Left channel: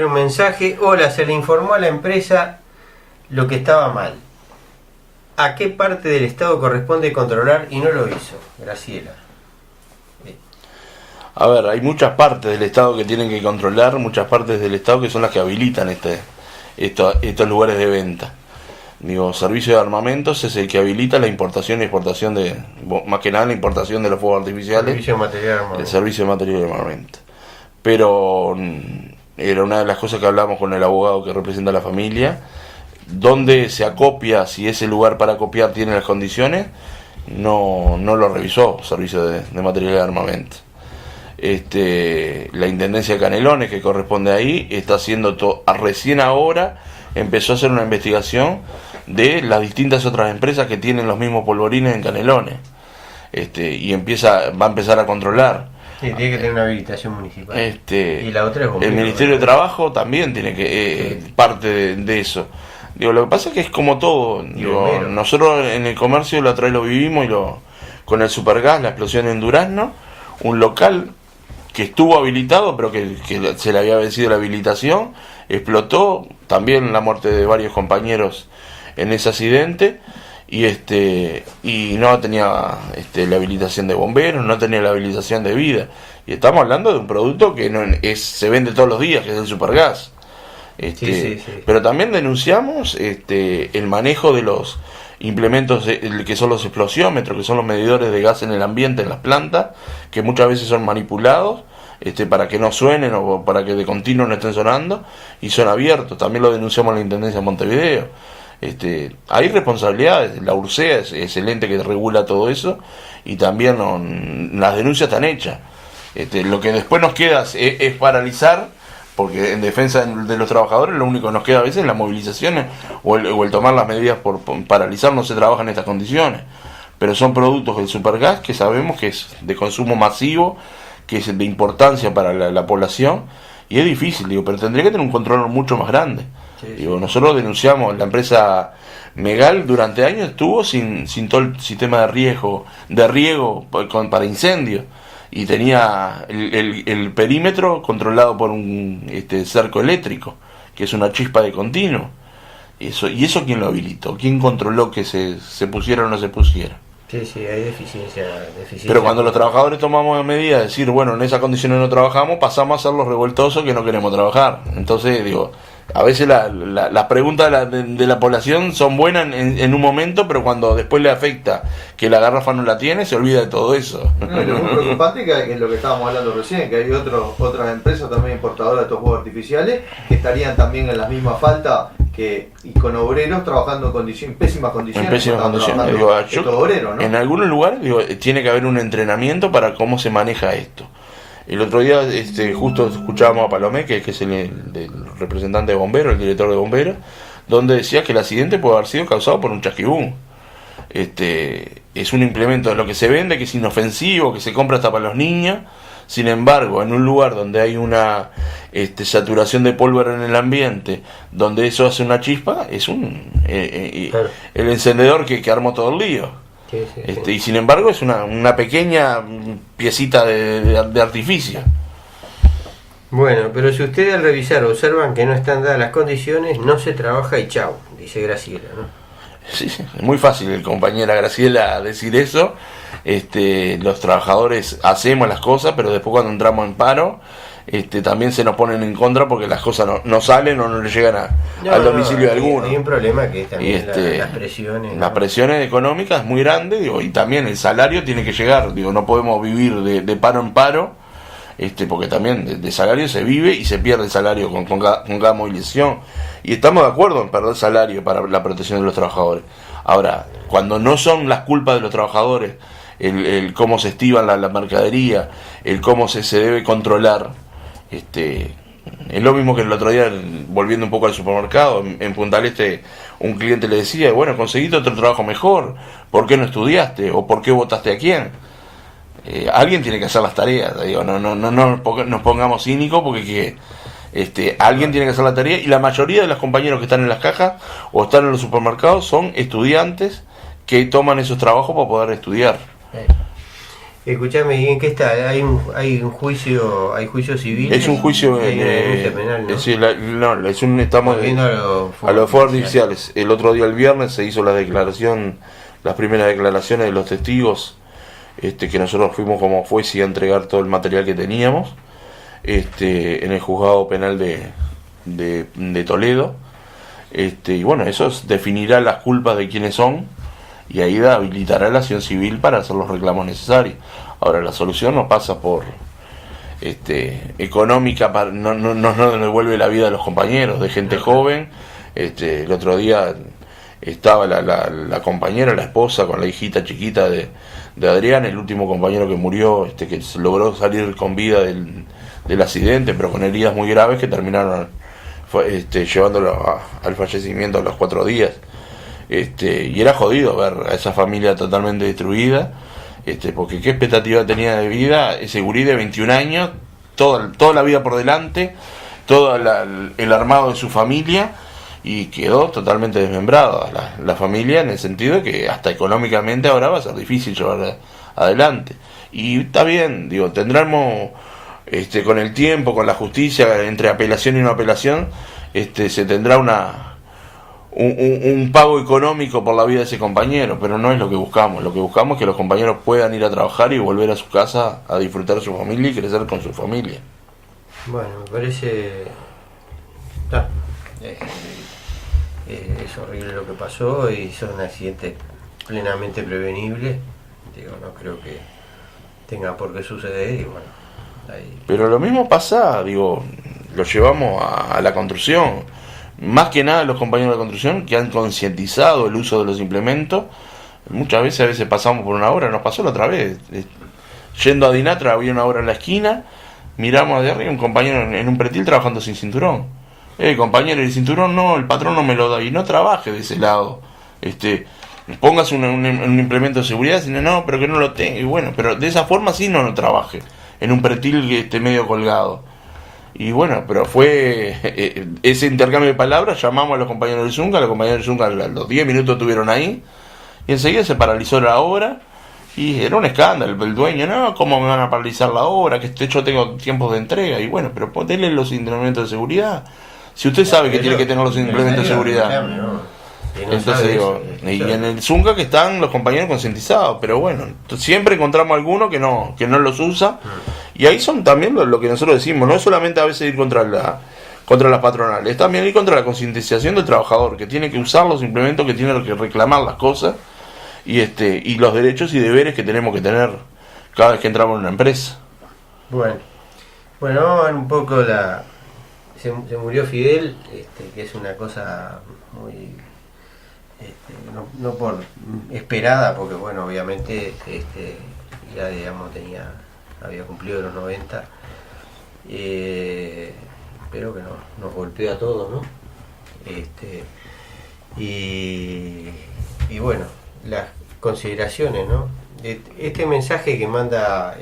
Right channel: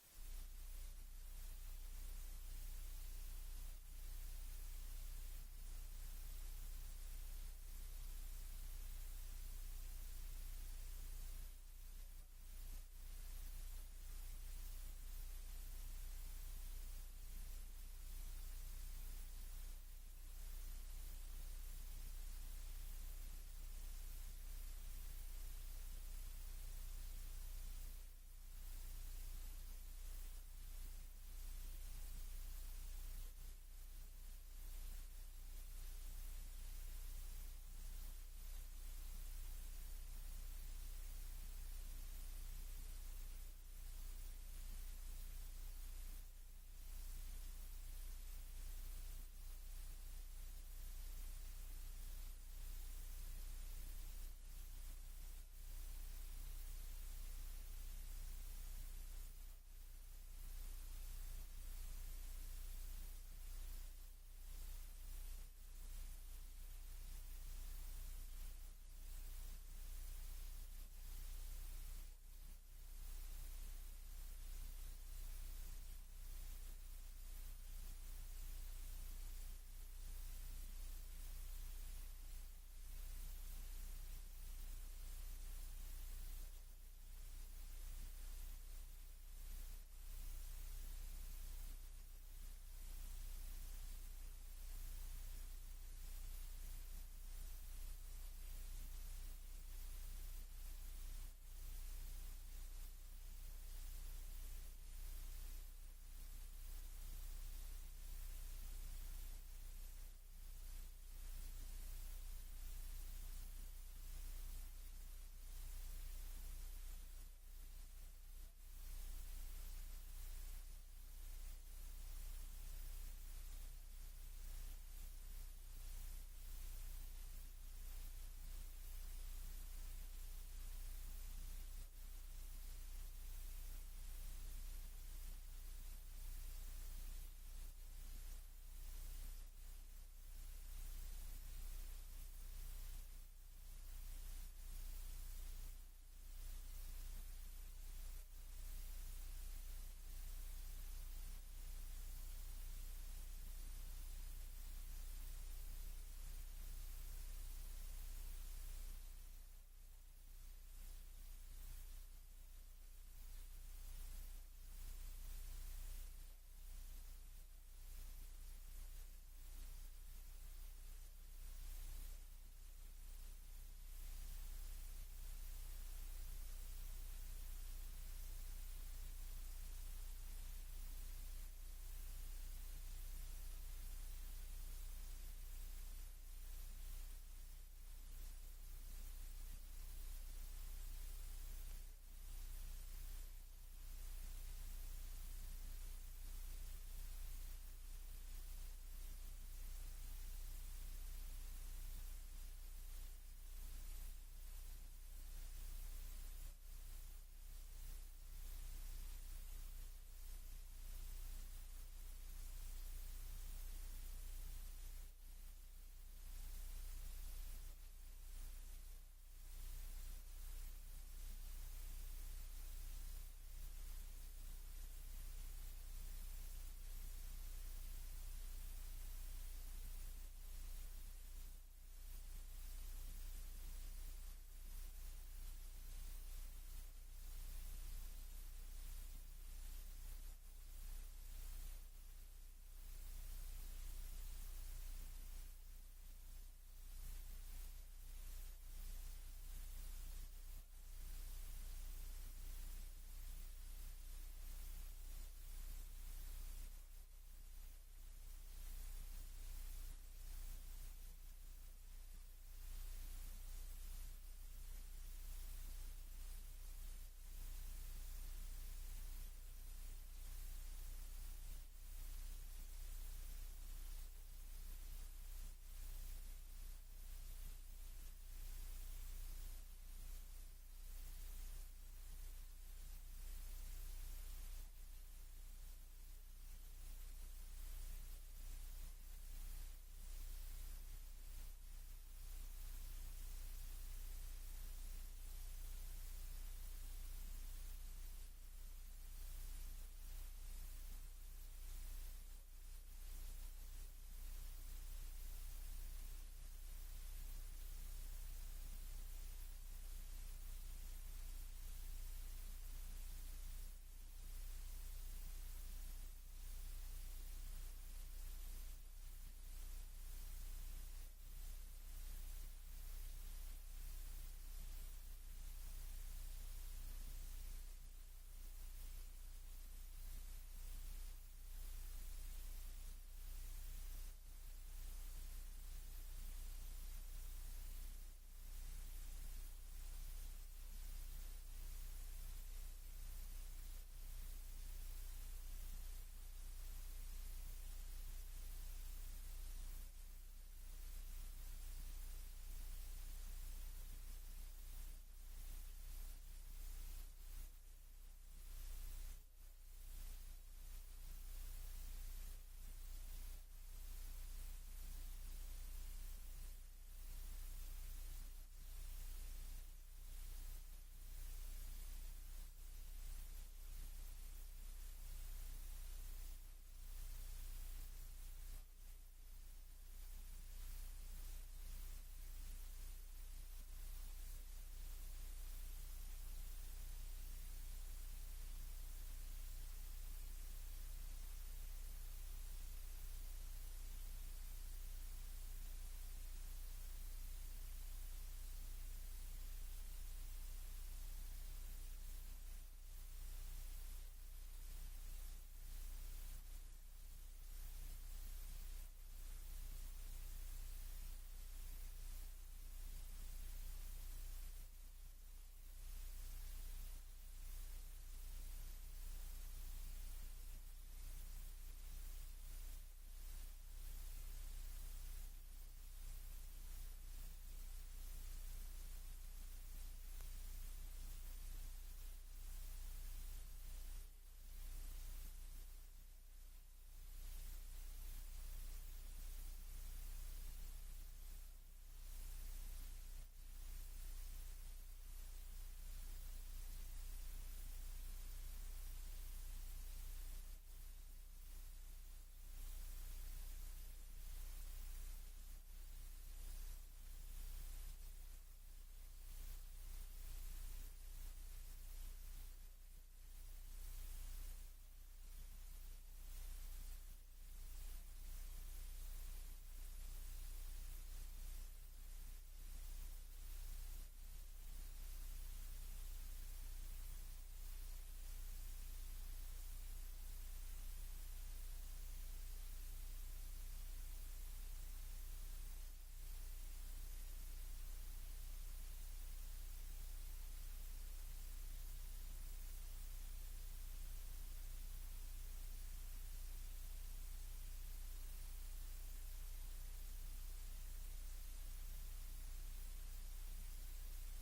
Un mensaje: hola, se le informó a la empresa lo que estaba mal. ¿A qué parte del Estado corresponde controlar y no lo hizo? Graciela. A ver, hay muchas partes del Estado que tienen que controlar, muchas partes del Estado que son las que habilitan estos lugares de venta. Digo, servicio de armamentos es el que habilita la importación y exportación más que nada la importación de los fuegos artificiales. Servicio de material de armamento. El servicio de material de armamento. Pero era una de las cosas que hablamos con el abogado que representa a la familia, donde se acopia, si ese lugar para copiar tiene las condiciones, no lo revisó servicio de material de armamento. La Intendencia de Canelones, que corresponde ahí, está haciendo recién ahora empezó a hacer una investigación de las distintas otras empresas que tienen los mismos polvorines en Canelones, y va a empezar a controlar. Sí, tiene que tener una habilitación municipal. Y la otra es el Ministerio de Trabajo también tiene que parte de eso. Digo, lo que pasa es que es como todo. Digo, nosotros en el comercio la otra vez lo vivimos con el Supergas, la explosión en Durazno, un local que estuvo habilitado pero que se le había vencido la habilitación, explotó, también la muerte de varios compañeros en ese accidente, y no tenía la habilitación de bomberos, no tenía la habilitación de vida, y estamos hablando de un producto que se vende todos los días, que es el Supergas. Sí. Pero también denunciamos el manejo de los implementos que son los explosiómetros, que son los medidores de gas en el ambiente, en las plantas, que muchas veces son manipulados para que no suenen o para que de continuo no estén sonando, y son abiertos. También lo denunciamos en la Intendencia de Montevideo. Hay responsabilidades, la URSEA es el ente que regula todo eso, y también las denuncias están hechas. Lo que después nos queda es paralizar, porque en defensa de los trabajadores lo único que nos queda a veces es las movilizaciones o el tomar las medidas por paralizar. No se trabaja en estas condiciones, pero son productos del Supergas que sabemos que es de consumo masivo, que es de importancia para la población, y es difícil, pero tendría que tener un control mucho más grande. Nosotros denunciamos, la empresa Megal durante años estuvo sin todo el sistema de riego para incendios, y tenía el perímetro controlado por un cerco eléctrico, que es una chispa de continuo. ¿Y eso quién lo habilitó? ¿Quién controló que se pusiera o no se pusiera? Sí, hay deficiencia. Pero cuando los trabajadores tomamos medidas de decir, bueno, en esas condiciones no trabajamos, pasamos a ser los revoltosos que no queremos trabajar. Entonces, a veces las preguntas de la población son buenas en un momento, pero cuando después le afecta que la garrafa no la tiene, se olvida de todo eso. No, lo muy preocupante que es lo que estábamos hablando recién, que hay otras empresas también importadoras de estos fuegos artificiales que estarían también en la misma falta y con obreros trabajando en pésimas condiciones. En pésimas condiciones. Obreros, ¿no? En algunos lugares tiene que haber un entrenamiento para cómo se maneja esto. El otro día justo escuchábamos a Palomé, que es el representante de bomberos, el director de bomberos, donde decía que el accidente puede haber sido causado por un chasquibún. Es un implemento de lo que se vende, que es inofensivo, que se compra hasta para los niños. Sin embargo, en un lugar donde hay una saturación de pólvora en el ambiente, donde eso hace una chispa, es el encendedor que armó todo el lío. Y sin embargo es una pequeña piecita de artificio. Bueno, pero si ustedes al revisar observan que no están dadas las condiciones, no se trabaja y chau, dice Graciela, ¿no? Sí, es muy fácil el compañera Graciela decir eso. Los trabajadores hacemos las cosas, pero después cuando entramos en paro, también se nos ponen en contra porque las cosas no salen o no le llegan al domicilio de alguno. Hay un problema que es también las presiones. Las presiones económicas es muy grande, y también el salario tiene que llegar. No podemos vivir de paro en paro, porque también de salario se vive y se pierde el salario con cada movilización. Y estamos de acuerdo en perder salario para la protección de los trabajadores. Ahora, cuando no son las culpas de los trabajadores, el cómo se estivan la mercadería, el cómo se debe controlar, es lo mismo que el otro día, volviendo un poco al supermercado, en Punta del Este, un cliente le decía, bueno, conseguiste otro trabajo mejor, ¿por qué no estudiaste? ¿O por qué votaste a quién? Alguien tiene que hacer las tareas, no nos pongamos cínicos, porque alguien tiene que hacer la tarea, y la mayoría de los compañeros que están en las cajas o están en los supermercados son estudiantes que toman esos trabajos para poder estudiar. Escuchame, ¿y en qué está? ¿Hay un juicio, hay juicio civil? Es un juicio, Hay una denuncia penal, ¿no? es decir, no, estamos Volviendo a los fuegos artificiales. El otro día, el viernes, se hizo las primeras declaraciones de los testigos, que nosotros fuimos como juez y a entregar todo el material que teníamos, en el juzgado penal de Toledo. Y bueno, eso definirá las culpas de quiénes son, y ahí habilitará la acción civil para hacer los reclamos necesarios. Ahora, la solución no pasa por económica, no devuelve la vida de los compañeros, de gente joven. El otro día estaba la compañera, la esposa, con la hijita chiquita de Adrián, el último compañero que murió, que logró salir con vida del accidente, pero con heridas muy graves que terminaron llevándolo al fallecimiento a los 4 días. Y era jodido ver a esa familia totalmente destruida, porque qué expectativa tenía de vida ese gurí de 21 años, toda la vida por delante, todo el armado de su familia, y quedó totalmente desmembrada la familia, en el sentido de que hasta económicamente ahora va a ser difícil llevar adelante. Y está bien, digo, tendremos con el tiempo, con la justicia, entre apelación y no apelación, se tendrá un pago económico por la vida de ese compañero, pero no es lo que buscamos. Lo que buscamos es que los compañeros puedan ir a trabajar y volver a su casa a disfrutar de su familia y crecer con su familia. Bueno, me parece... es horrible lo que pasó, y son accidentes plenamente prevenibles. Digo, no creo que tenga por qué suceder, y bueno, ahí... Pero lo mismo pasa, digo, lo llevamos a la construcción. Más que nada los compañeros de construcción que han concientizado el uso de los implementos. Muchas veces, a veces pasamos por una obra, nos pasó la otra vez. Yendo a Dinatra, había una obra en la esquina, miramos de arriba un compañero en un pretil trabajando sin cinturón. Compañero, el cinturón no, el patrón no me lo da, y no trabaje de ese lado. Póngase un implemento de seguridad, sino no, pero que no lo tenga. Y bueno, pero de esa forma sí no trabaje, en un pretil medio colgado. Y bueno, pero fue ese intercambio de palabras. Llamamos a los compañeros del Zunga, a los 10 minutos estuvieron ahí, y enseguida se paralizó la obra, y era un escándalo. El dueño, no, ¿cómo me van a paralizar la obra? Que yo tengo tiempos de entrega. Y bueno, pero denle los implementos de seguridad. Si usted sabe que tiene que tener los implementos de seguridad. Entonces digo, y en el Zunga que están los compañeros concientizados, pero bueno, siempre encontramos alguno que no los usa, y ahí son también lo que nosotros decimos, no es solamente a veces ir contra las patronales, es también ir contra la concientización del trabajador, que tiene que usar los implementos, que tiene que reclamar las cosas, y los derechos y deberes que tenemos que tener cada vez que entramos en una empresa. Bueno, vamos a ver un poco se murió Fidel, que es una cosa muy... no por esperada, porque bueno, obviamente ya digamos había cumplido los 90, pero que nos golpeó a todos, ¿no? Y bueno, las consideraciones, ¿no? Este mensaje que manda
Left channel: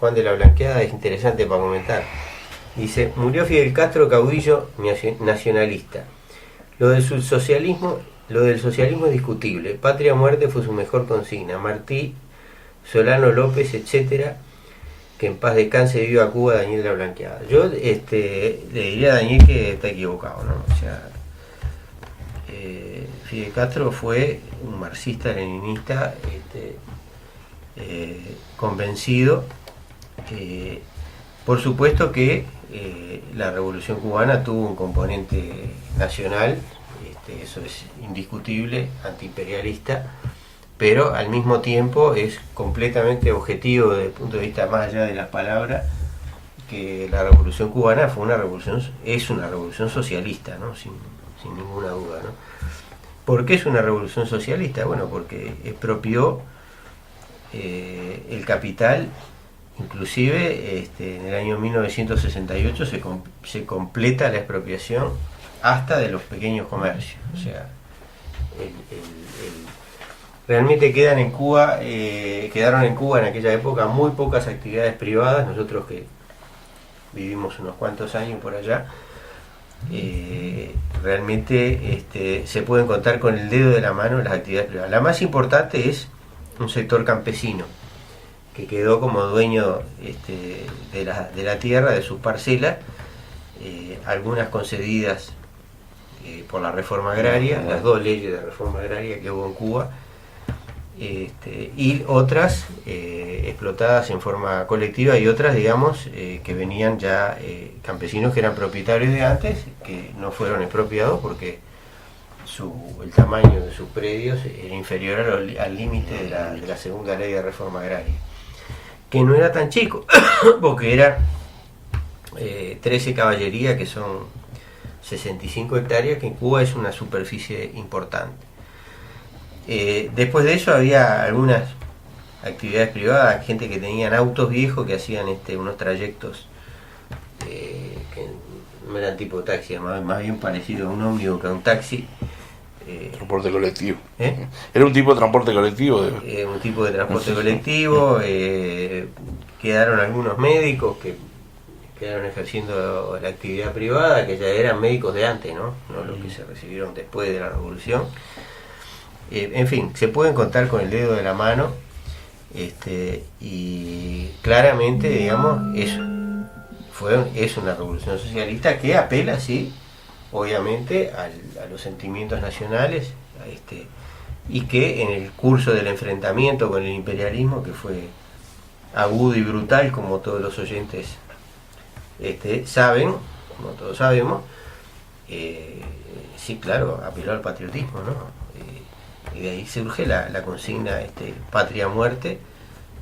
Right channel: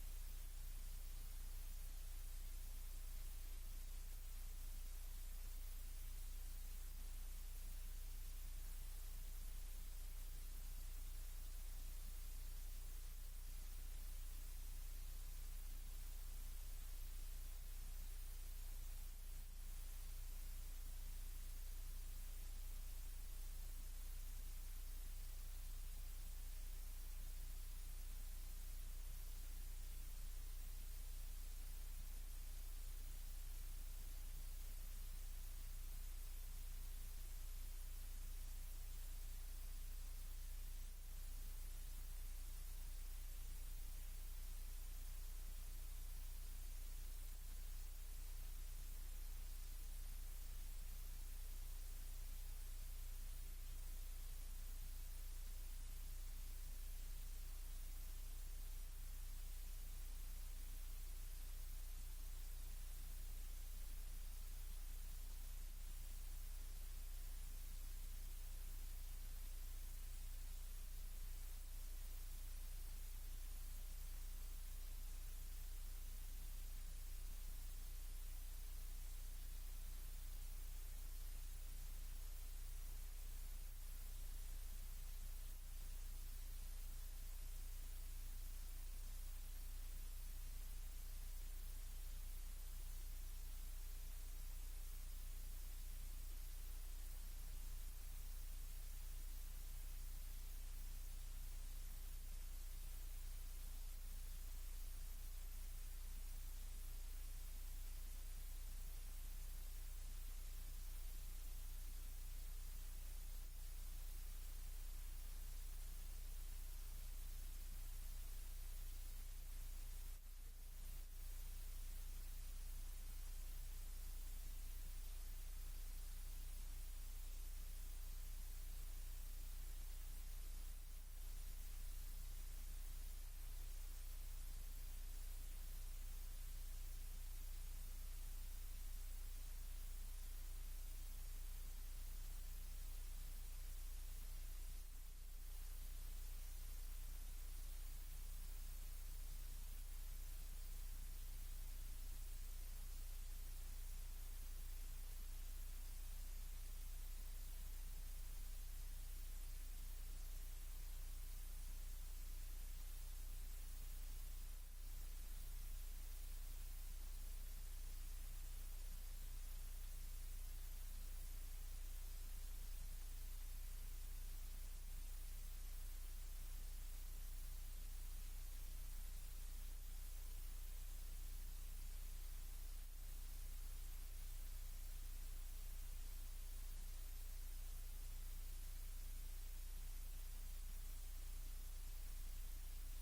Juan de la Blanqueada es interesante para comentar. Dice: murió Fidel Castro, caudillo nacionalista. Lo del socialismo es discutible. Patria o muerte fue su mejor consigna. Martí, Solano López, etcétera. Que en paz descanse, viva Cuba, Daniel de la Blanqueada. Yo le diría a Daniel que está equivocado, ¿no? O sea, Fidel Castro fue un marxista-leninista convencido. Por supuesto que la Revolución Cubana tuvo un componente nacional, eso es indiscutible, antiimperialista, pero al mismo tiempo es completamente objetivo desde el punto de vista más allá de las palabras, que la Revolución Cubana es una revolución socialista, ¿no? Sin ninguna duda, ¿no? ¿Por qué es una revolución socialista? Bueno, porque expropió el capital. Inclusive en el año 1968 se completa la expropiación hasta de los pequeños comercios. O sea, realmente quedaron en Cuba en aquella época muy pocas actividades privadas. Nosotros que vivimos unos cuantos años por allá, realmente se pueden contar con el dedo de la mano las actividades privadas. La más importante es un sector campesino, que quedó como dueño de la tierra, de sus parcelas, algunas concedidas por la reforma agraria, las dos leyes de reforma agraria que hubo en Cuba, y otras explotadas en forma colectiva, y otras, digamos, que venían ya campesinos que eran propietarios de antes, que no fueron expropiados porque el tamaño de sus predios era inferior al límite de la segunda ley de reforma agraria, que no era tan chico, porque era 13 caballerías, que son 65 hectáreas, que en Cuba es una superficie importante. Después de eso había algunas actividades privadas, gente que tenían autos viejos que hacían unos trayectos que no eran tipo taxi, más bien parecido a un ómnibus que a un taxi. Transporte colectivo. Era un tipo de transporte colectivo. Un tipo de transporte colectivo. Quedaron algunos médicos que quedaron ejerciendo la actividad privada, que ya eran médicos de antes, no los que se recibieron después de la revolución. En fin, se pueden contar con el dedo de la mano, y claramente, digamos, es una revolución socialista que apela, sí, obviamente, a los sentimientos nacionales, y que en el curso del enfrentamiento con el imperialismo, que fue agudo y brutal, como todos los oyentes saben, como todos sabemos, sí, claro, apeló al patriotismo, ¿no? Y de ahí surge la consigna patria muerte,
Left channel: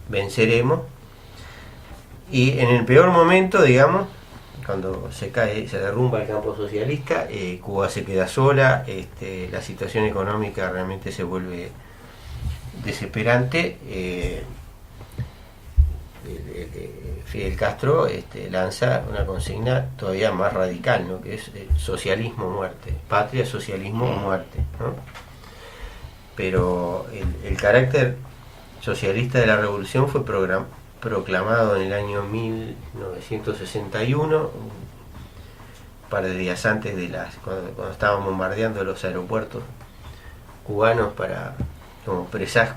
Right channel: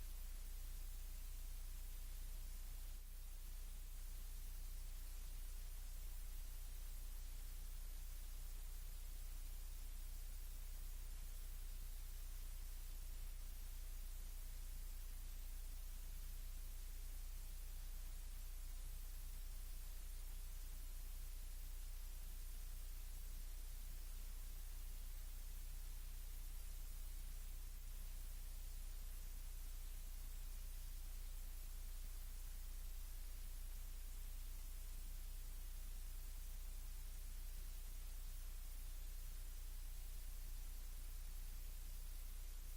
venceremos. Y en el peor momento, digamos, cuando se derrumba el campo socialista, Cuba se queda sola, la situación económica realmente se vuelve desesperante. Fidel Castro lanza una consigna todavía más radical, ¿no? Que es socialismo muerte, patria, socialismo muerte, ¿no? Pero el carácter socialista de la revolución fue proclamado en el año 1961, un par de días antes cuando estaban bombardeando los aeropuertos cubanos como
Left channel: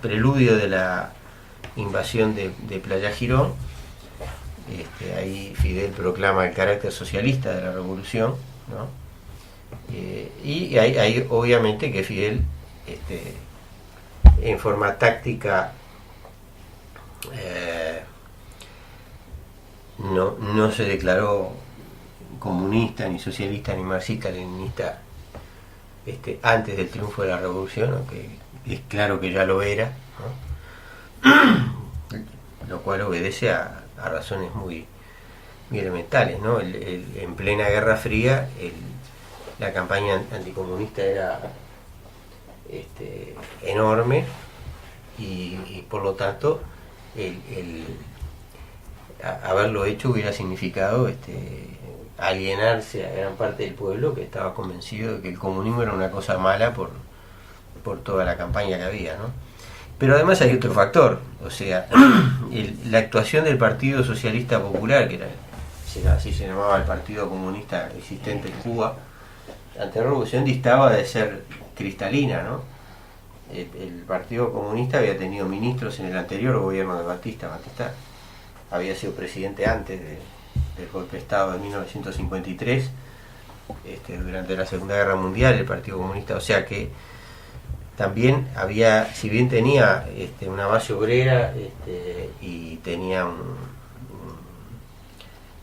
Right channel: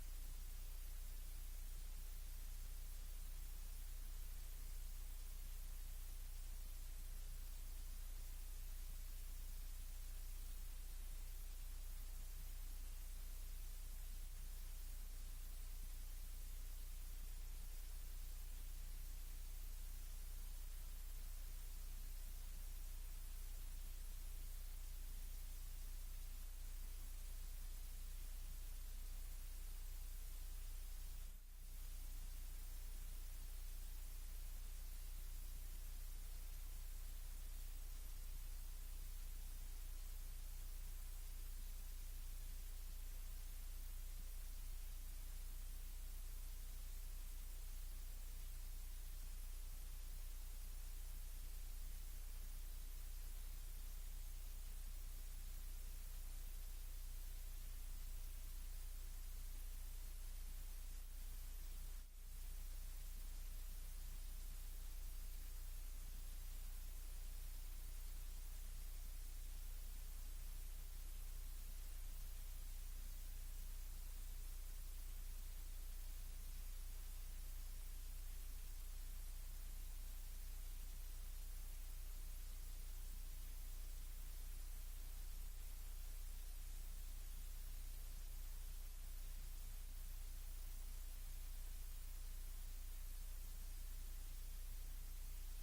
preludio de la invasión de Playa Girón. Ahí Fidel proclama el carácter socialista de la revolución, ¿no? Y hay obviamente que Fidel, en forma táctica, no se declaró comunista, ni socialista, ni marxista, leninista antes del triunfo de la revolución, aunque es claro que ya lo era, ¿no? Lo cual obedece a razones muy elementales, ¿no? En plena Guerra Fría, la campaña anticomunista era enorme, y por lo tanto haberlo hecho hubiera significado alienarse a gran parte del pueblo, que estaba convencido de que el comunismo era una cosa mala por toda la campaña que había, ¿no? Pero además hay otro factor, o sea, la actuación del Partido Socialista Popular, que así se llamaba el Partido Comunista existente en Cuba, ante la revolución distaba de ser cristalina, ¿no? El Partido Comunista había tenido ministros en el anterior gobierno de Batista. Batista había sido presidente antes del golpe de Estado de 1953, durante la Segunda Guerra Mundial, el Partido Comunista, o sea que también había, si bien tenía una base obrera, y tenía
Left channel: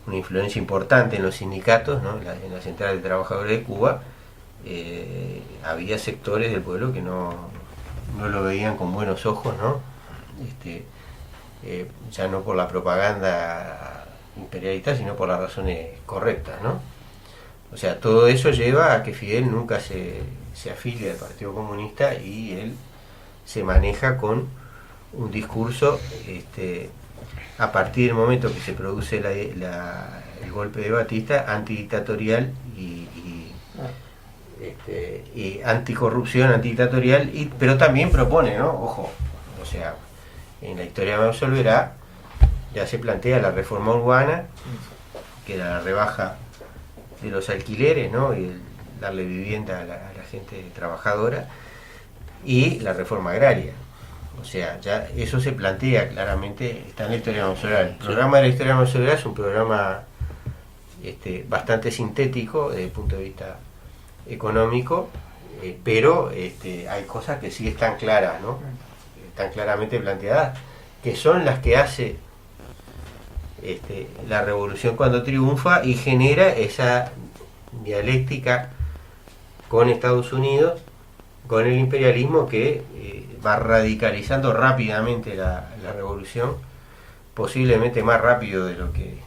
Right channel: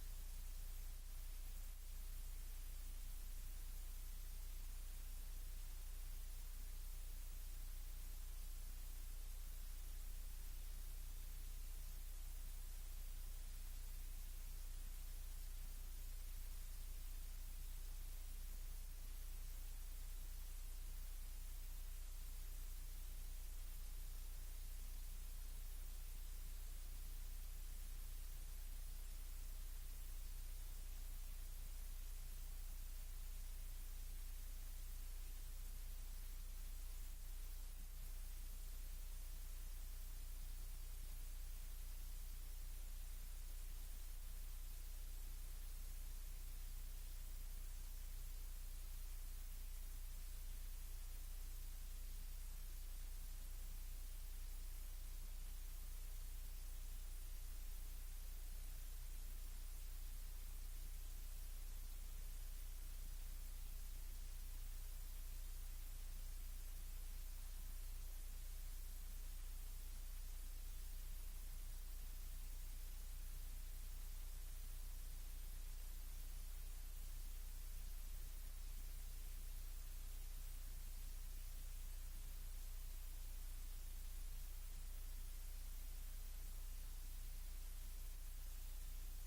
una influencia importante en los sindicatos, ¿no? en la Central de Trabajadores de Cuba, había sectores del pueblo que no lo veían con buenos ojos, ¿no? Ya no por la propaganda imperialista, sino por las razones correctas, ¿no? O sea, todo eso lleva a que Fidel nunca se afilie al Partido Comunista, y él se maneja con un discurso, a partir del momento que se produce el golpe de Batista, antidictatorial y anticorrupción, antidictatorial, pero también propone, ¿no? Ojo, o sea, en la historia me absolverá, ya se plantea la reforma urbana, que era la rebaja de los alquileres, ¿no? Y darle vivienda a la gente trabajadora, y la reforma agraria. O sea, ya eso se plantea claramente, está en la historia venezolana. El programa de la historia venezolana es un programa bastante sintético desde el punto de vista económico, pero hay cosas que sí están claras, ¿no? Están claramente planteadas, que son las que hace la revolución cuando triunfa y genera esa dialéctica con Estados Unidos, con el imperialismo que va radicalizando rápidamente la revolución, posiblemente más rápido de lo que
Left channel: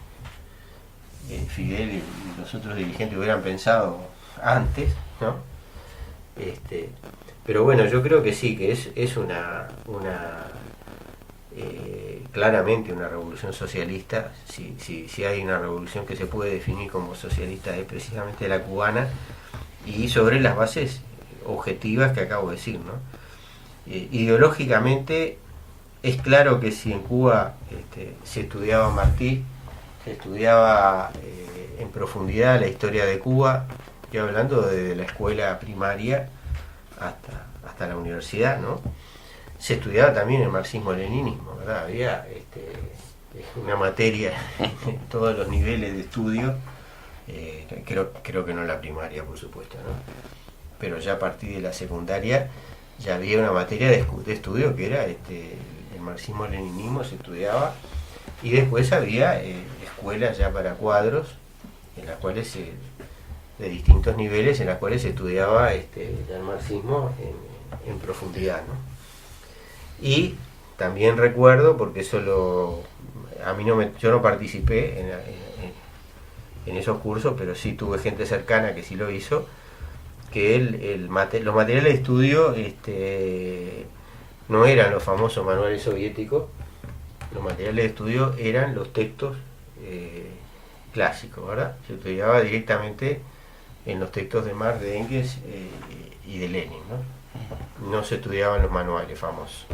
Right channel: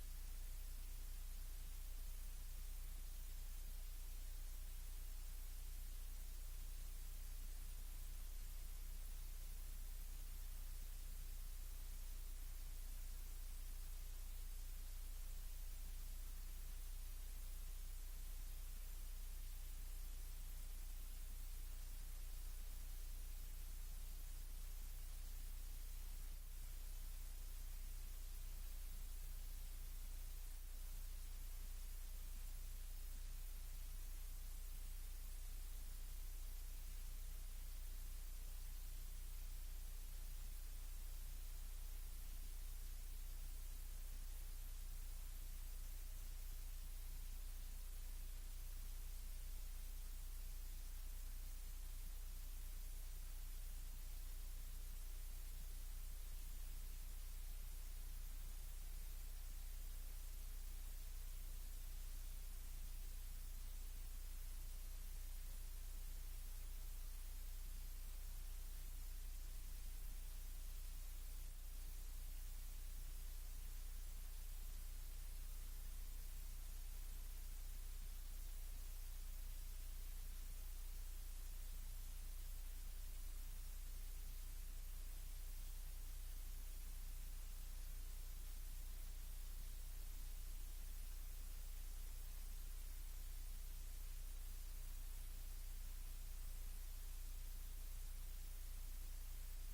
Fidel y los otros dirigentes hubieran pensado antes, ¿no? Pero bueno, yo creo que sí, que es una claramente una revolución socialista. Si hay una revolución que se puede definir como socialista, es precisamente la cubana, y sobre las bases objetivas que acabo de decir, ¿no? Ideológicamente es claro que si en Cuba se estudiaba Martí, se estudiaba en profundidad la historia de Cuba, estoy hablando desde la escuela primaria hasta la universidad, ¿no? Se estudiaba también el marxismo-leninismo, ¿verdad? Había una materia en todos los niveles de estudio, creo que no en la primaria, por supuesto, ¿no? Pero ya a partir de la secundaria ya había una materia de estudio que era el marxismo-leninismo, se estudiaba, y después había escuelas ya para cuadros, en las cuales de distintos niveles, en las cuales se estudiaba el marxismo en profundidad, ¿no? Y también recuerdo, porque eso yo no participé en esos cursos, pero sí tuve gente cercana que sí lo hizo, que los materiales de estudio no eran los famosos manuales soviéticos. Los materiales de estudio eran los textos clásicos, ¿verdad? Se estudiaba directamente en los textos de Marx, de Engels y de Lenin, ¿no? No se estudiaban los manuales famosos.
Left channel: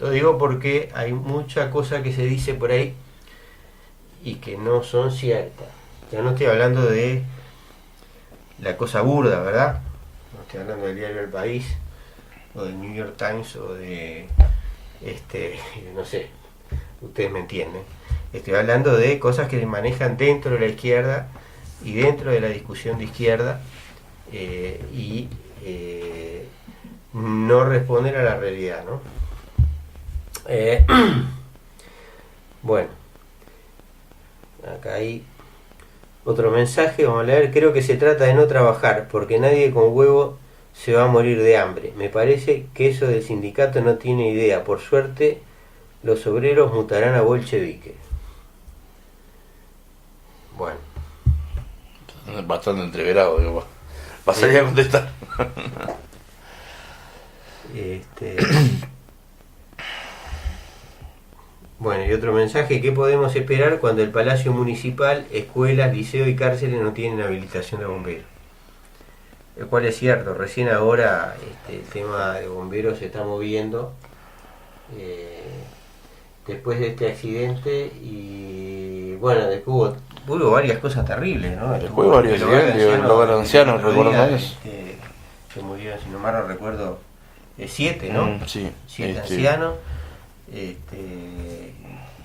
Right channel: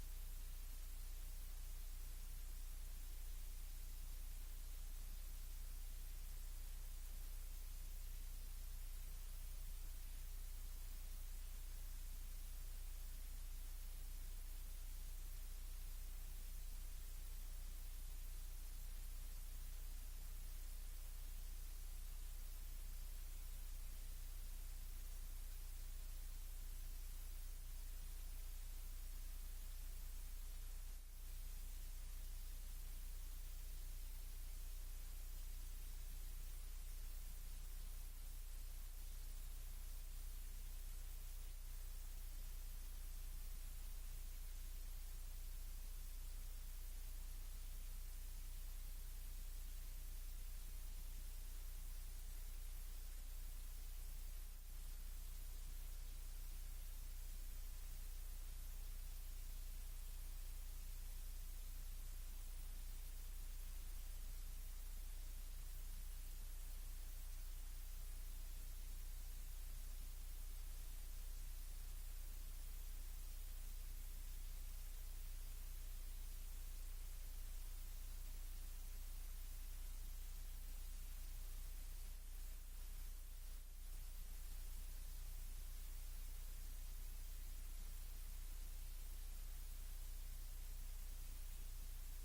Lo digo porque hay mucha cosa que se dice por ahí y que no son ciertas. Ya no estoy hablando de la cosa burda, ¿verdad? No estoy hablando del diario El País o del New York Times o de no sé, ustedes me entienden. Estoy hablando de cosas que se manejan dentro de la izquierda y dentro de la discusión de izquierda, y no responden a la realidad, ¿no? Bueno, acá hay otro mensaje, vamos a leer. Creo que se trata de no trabajar, porque nadie con huevo se va a morir de hambre. Me parece que eso del sindicato no tiene idea. Por suerte, los obreros mutarán a bolchevique. Bueno. Bastante entreverado, digo. Pasaría a contestar. Bueno, y otro mensaje: ¿qué podemos esperar cuando el Palacio Municipal, escuelas, liceo y cárceles no tienen habilitación de bomberos? El cual es cierto, recién ahora el tema de bomberos se está moviendo después de este accidente, y bueno, después hubo varias cosas terribles, ¿no? Después varios accidentes, los ancianos, recuerdo eso. Se murieron, si no mal no recuerdo, 7, ¿no? Sí. 7 ancianos.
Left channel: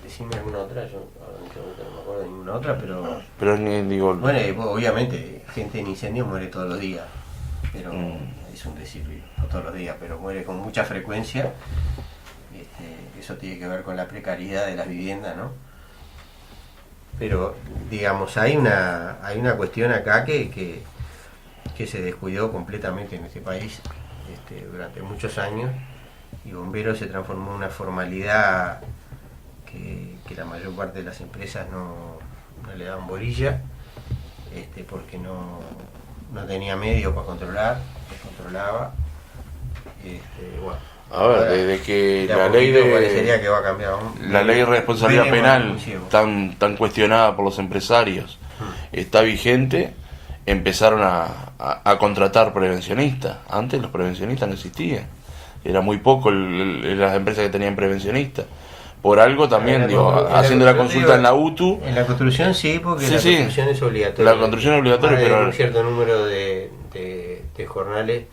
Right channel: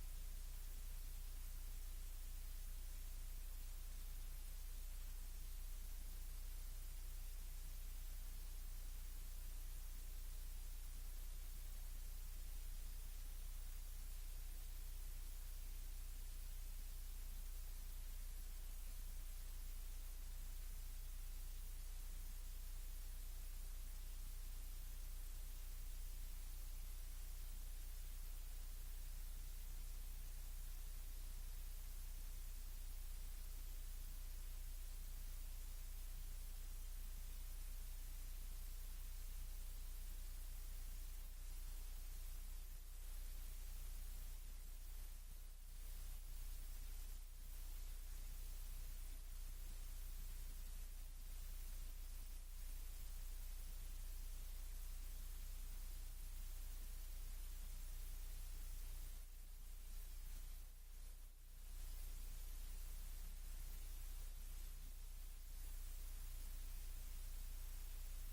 Decime alguna otra, yo ahora no me acuerdo de ninguna otra, pero digo, bueno, obviamente gente en incendio muere todos los días, pero es un decir, no todos los días, pero muere con mucha frecuencia. Eso tiene que ver con la precariedad de las viviendas, ¿no? Pero digamos, hay una cuestión acá que se descuidó completamente en este país durante muchos años, y bomberos se transformó en una formalidad que la mayor parte de las empresas no le daban bolilla, porque no tenía medios para controlar, descontrolaba. Bueno, a ver, desde que la ley parecería que va a cambiar, la ley de responsabilidad penal tan cuestionada por los empresarios está vigente, empezaron a contratar prevencionistas. Antes los prevencionistas no existían, era muy poco las empresas que tenían prevencionistas. Por algo también, haciendo la consulta en la UTU. En la construcción sí, porque la construcción es obligatoria. La construcción es obligatoria, pero un cierto número de jornales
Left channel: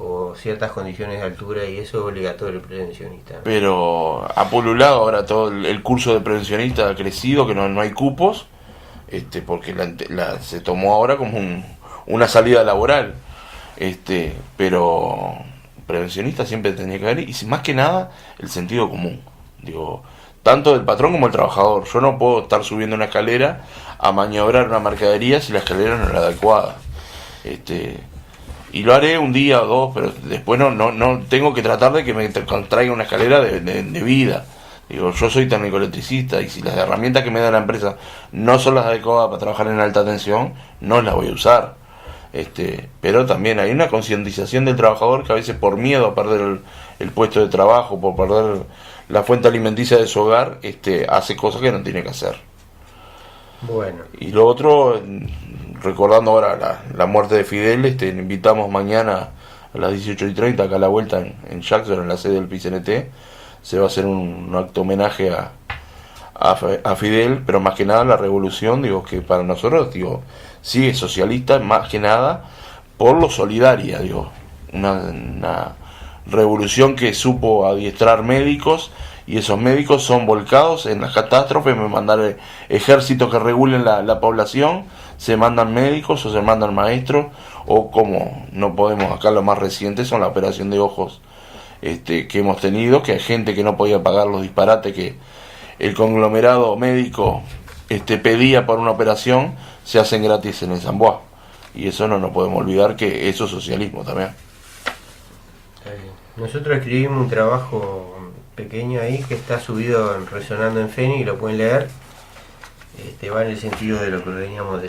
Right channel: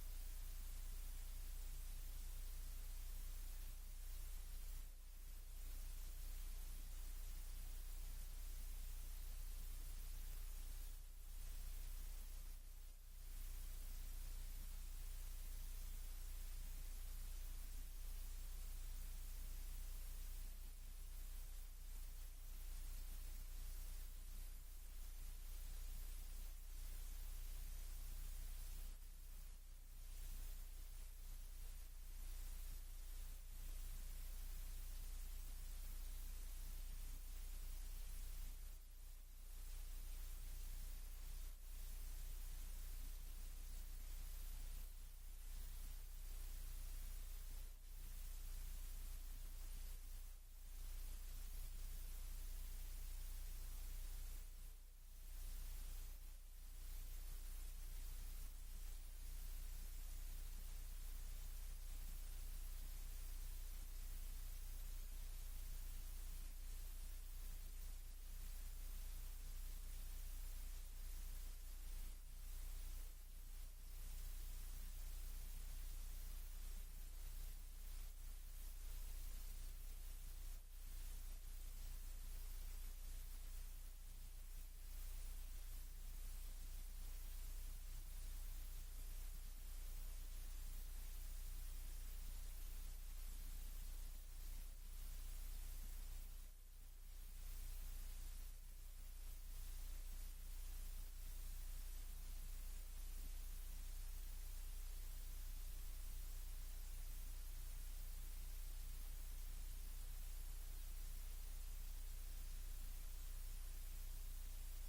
o ciertas condiciones de altura, y eso es obligatorio el prevencionista. Pero ha pululado ahora todo el curso de prevencionista, ha crecido, que no hay cupos, porque se tomó ahora como una salida laboral. Pero prevencionista siempre tenía que haber, y más que nada el sentido común, digo, tanto del patrón como del trabajador. Yo no puedo estar subiendo una escalera a maniobrar una mercadería si la escalera no es la adecuada. Y lo haré un día o dos, pero después no tengo que tratar de que me traiga una escalera de vida. Digo, yo soy técnico electricista, y si las herramientas que me da la empresa no son las adecuadas para trabajar en alta tensión, no las voy a usar. Pero también hay una concientización del trabajador que a veces, por miedo a perder el puesto de trabajo, por perder la fuente alimenticia de su hogar, hace cosas que no tiene que hacer. Bueno. Y lo otro, recordando ahora la muerte de Fidel, invitamos mañana a las 18:30 acá a la vuelta en Jackson, en la sede del PCNT. Se va a hacer un acto homenaje a Fidel, pero más que nada la revolución, digo, que para nosotros, digo, sí es socialista, más que nada por lo solidaria, digo, una revolución que supo adiestrar médicos, y esos médicos son volcados en las catástrofes, me mandan ejércitos que regulen la población, se mandan médicos o se mandan maestros, o como no podemos, acá lo más reciente son la operación de ojos que hemos tenido, que hay gente que no podía pagar los disparates que el conglomerado médico pedía por una operación, se hacen gratis en el Zamboa, y eso no nos podemos olvidar que eso es socialismo también. Nosotros escribimos un trabajo pequeño ahí que está subido Resonando en Feni, y lo pueden leer. Va en el sentido de lo que veníamos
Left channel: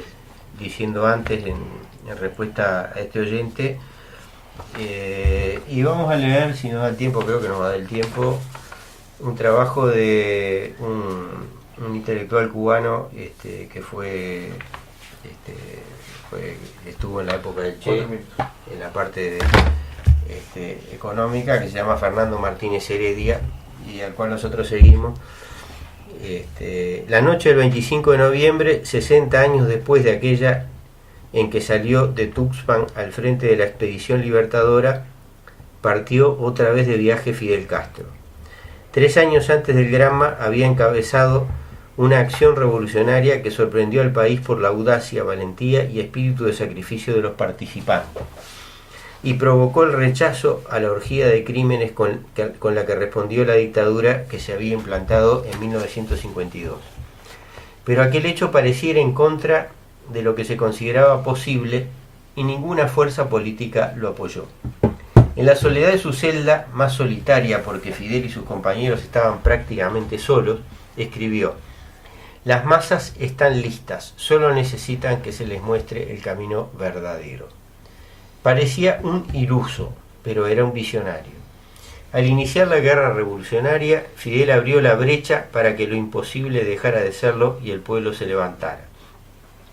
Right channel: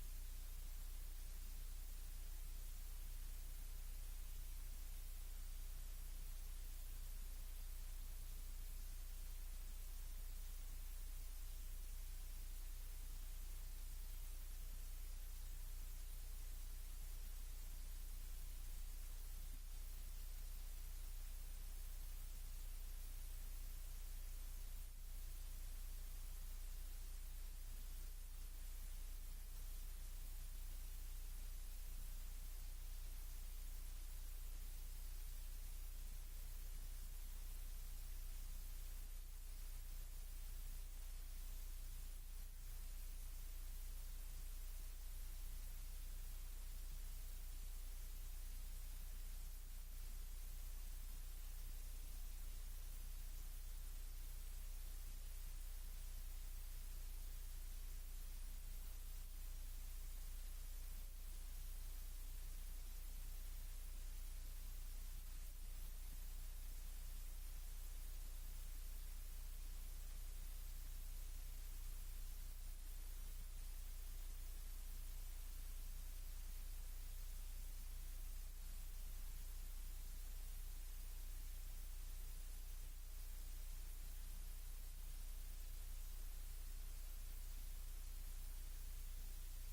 diciendo antes en respuesta a este oyente. Y vamos a leer, si nos da el tiempo, creo que nos va a dar el tiempo, un trabajo de un intelectual cubano que estuvo en la época del Che, en la parte económica, que se llama Fernando Martínez Heredia, y al cual nosotros seguimos. La noche del 25 de noviembre, 60 años después de aquella en que salió de Tuxpan al frente de la expedición libertadora, partió otra vez de viaje Fidel Castro. 3 años antes del Granma había encabezado una acción revolucionaria que sorprendió al país por la audacia, valentía y espíritu de sacrificio de los participantes, y provocó el rechazo a la orgía de crímenes con la que respondió la dictadura que se había implantado en 1952. Pero aquel hecho pareciera en contra de lo que se consideraba posible, y ninguna fuerza política lo apoyó. En la soledad de su celda, más solitaria porque Fidel y sus compañeros estaban prácticamente solos, escribió: «Las masas están listas, solo necesitan que se les muestre el camino verdadero». Parecía un iluso, pero era un visionario. Al iniciar la guerra revolucionaria, Fidel abrió la brecha para que lo imposible dejara de serlo y el pueblo se levantara,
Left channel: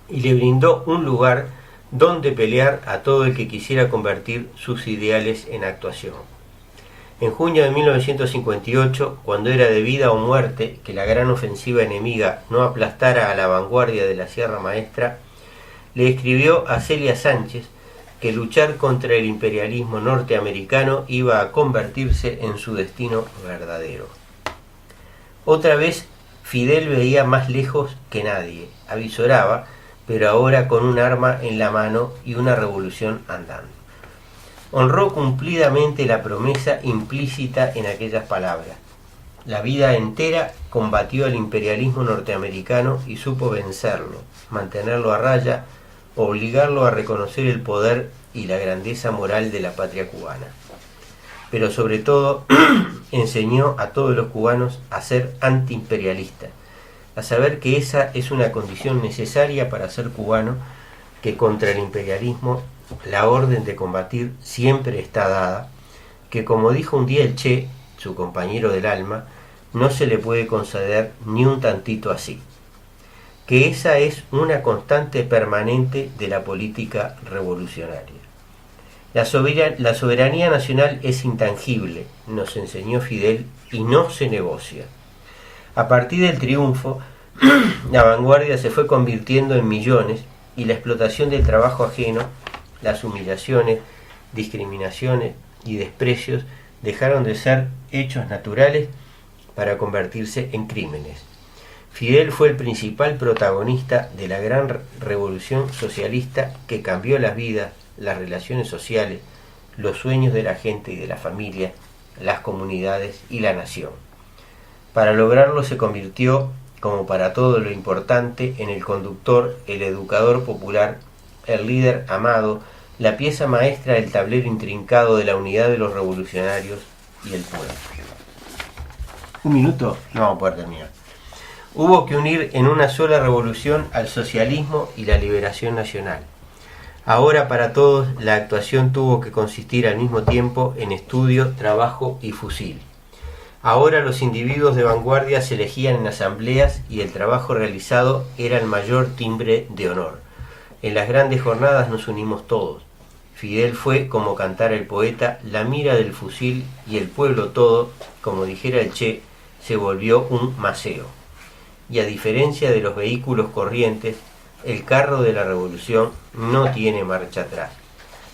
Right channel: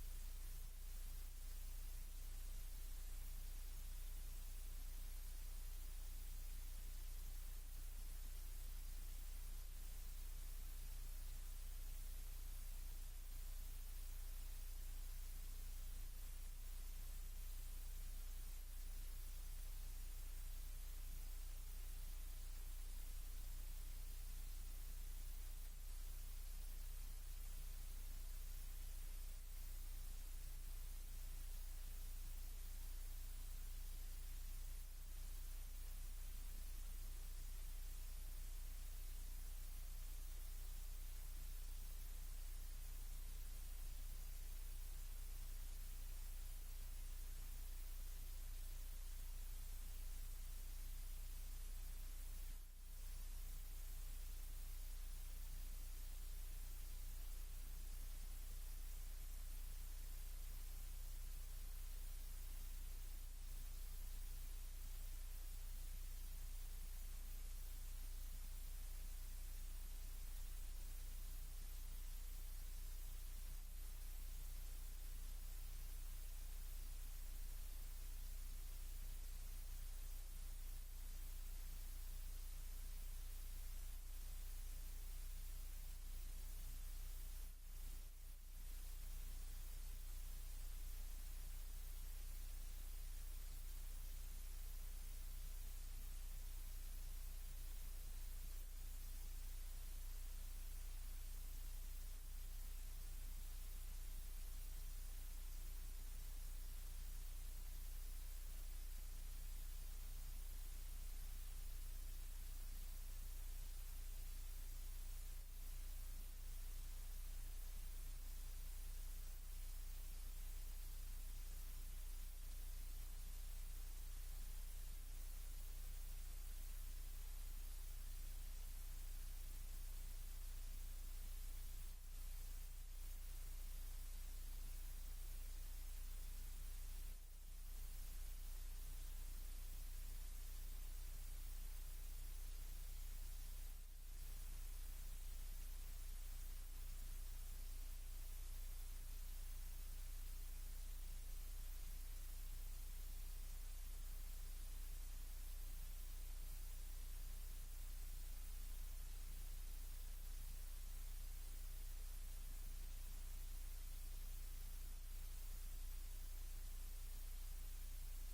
y le brindó un lugar donde pelear a todo el que quisiera convertir sus ideales en actuación. En junio de 1958, cuando era de vida o muerte que la gran ofensiva enemiga no aplastara a la vanguardia de la Sierra Maestra, le escribió a Celia Sánchez que luchar contra el imperialismo norteamericano iba a convertirse en su destino verdadero. Otra vez, Fidel veía más lejos que nadie, avisoraba, pero ahora con un arma en la mano y una revolución andando. Honró cumplidamente la promesa implícita en aquellas palabras. La vida entera combatió al imperialismo norteamericano y supo vencerlo, mantenerlo a raya, obligarlo a reconocer el poder y la grandeza moral de la patria cubana. Pero sobre todo, enseñó a todos los cubanos a ser antiimperialistas, a saber que esa es una condición necesaria para ser cubano, que contra el imperialismo la orden de combatir siempre está dada, que como dijo un día el Che, su compañero del alma, no se le puede conceder ni un tantito así, que esa es una constante permanente de la política revolucionaria. La soberanía nacional es intangible, nos enseñó Fidel, y no se negocia. A partir del triunfo, la vanguardia se fue convirtiendo en millones, y la explotación del trabajo ajeno, las humillaciones, discriminaciones y desprecios dejaron de ser hechos naturales para convertirse en crímenes. Fidel fue el principal protagonista de la gran revolución socialista que cambió las vidas, las relaciones sociales, los sueños de la gente y de la familia, las comunidades y la nación. Para lograrlo se convirtió, como para todo lo importante, en el conductor, el educador popular, el líder amado, la pieza maestra del tablero intrincado de la unidad de los revolucionarios y el pueblo. Un minuto, no vamos a poder terminar. Hubo que unir en una sola revolución al socialismo y la liberación nacional. Ahora para todos la actuación tuvo que consistir al mismo tiempo en estudio, trabajo y fusil. Ahora los individuos de vanguardia se elegían en asambleas y el trabajo realizado era el mayor timbre de honor. En las grandes jornadas nos unimos todos. Fidel fue, como cantara el poeta, la mira del fusil y el pueblo todo, como dijera el Che, se volvió un maceo. Y a diferencia de los vehículos corrientes, el carro de la revolución no tiene marcha atrás.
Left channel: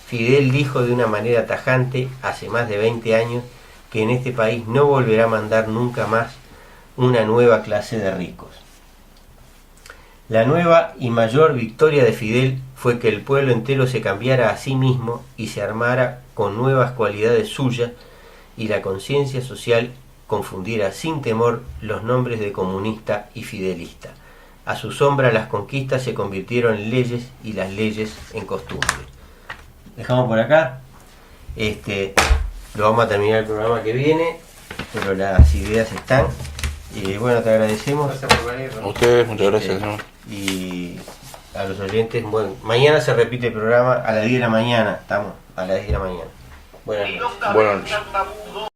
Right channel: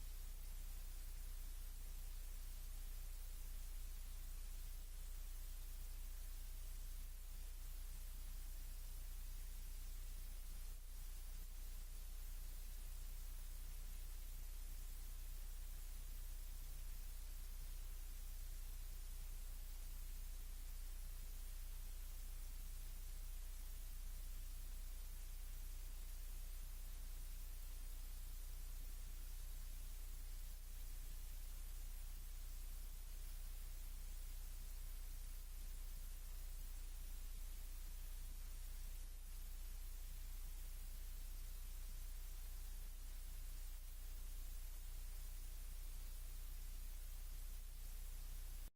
Fidel dijo de una manera tajante, hace más de 20 años, que en este país no volverá a mandar nunca más una nueva clase de ricos. La nueva y mayor victoria de Fidel fue que el pueblo entero se cambiara a sí mismo y se armara con nuevas cualidades suyas y la conciencia social confundiera sin temor los nombres de comunista y fidelista. A su sombra las conquistas se convirtieron en leyes y las leyes en costumbres. Dejamos por acá. Lo vamos a terminar el programa que viene, pero las ideas están. Bueno, te agradecemos. Gracias por venir. A ustedes, muchas gracias. ¿no? Y a los oyentes, bueno, mañana se repite el programa a las 10 de la mañana. Estamos a las 10 de la mañana. Buenas noches. Buenas noches.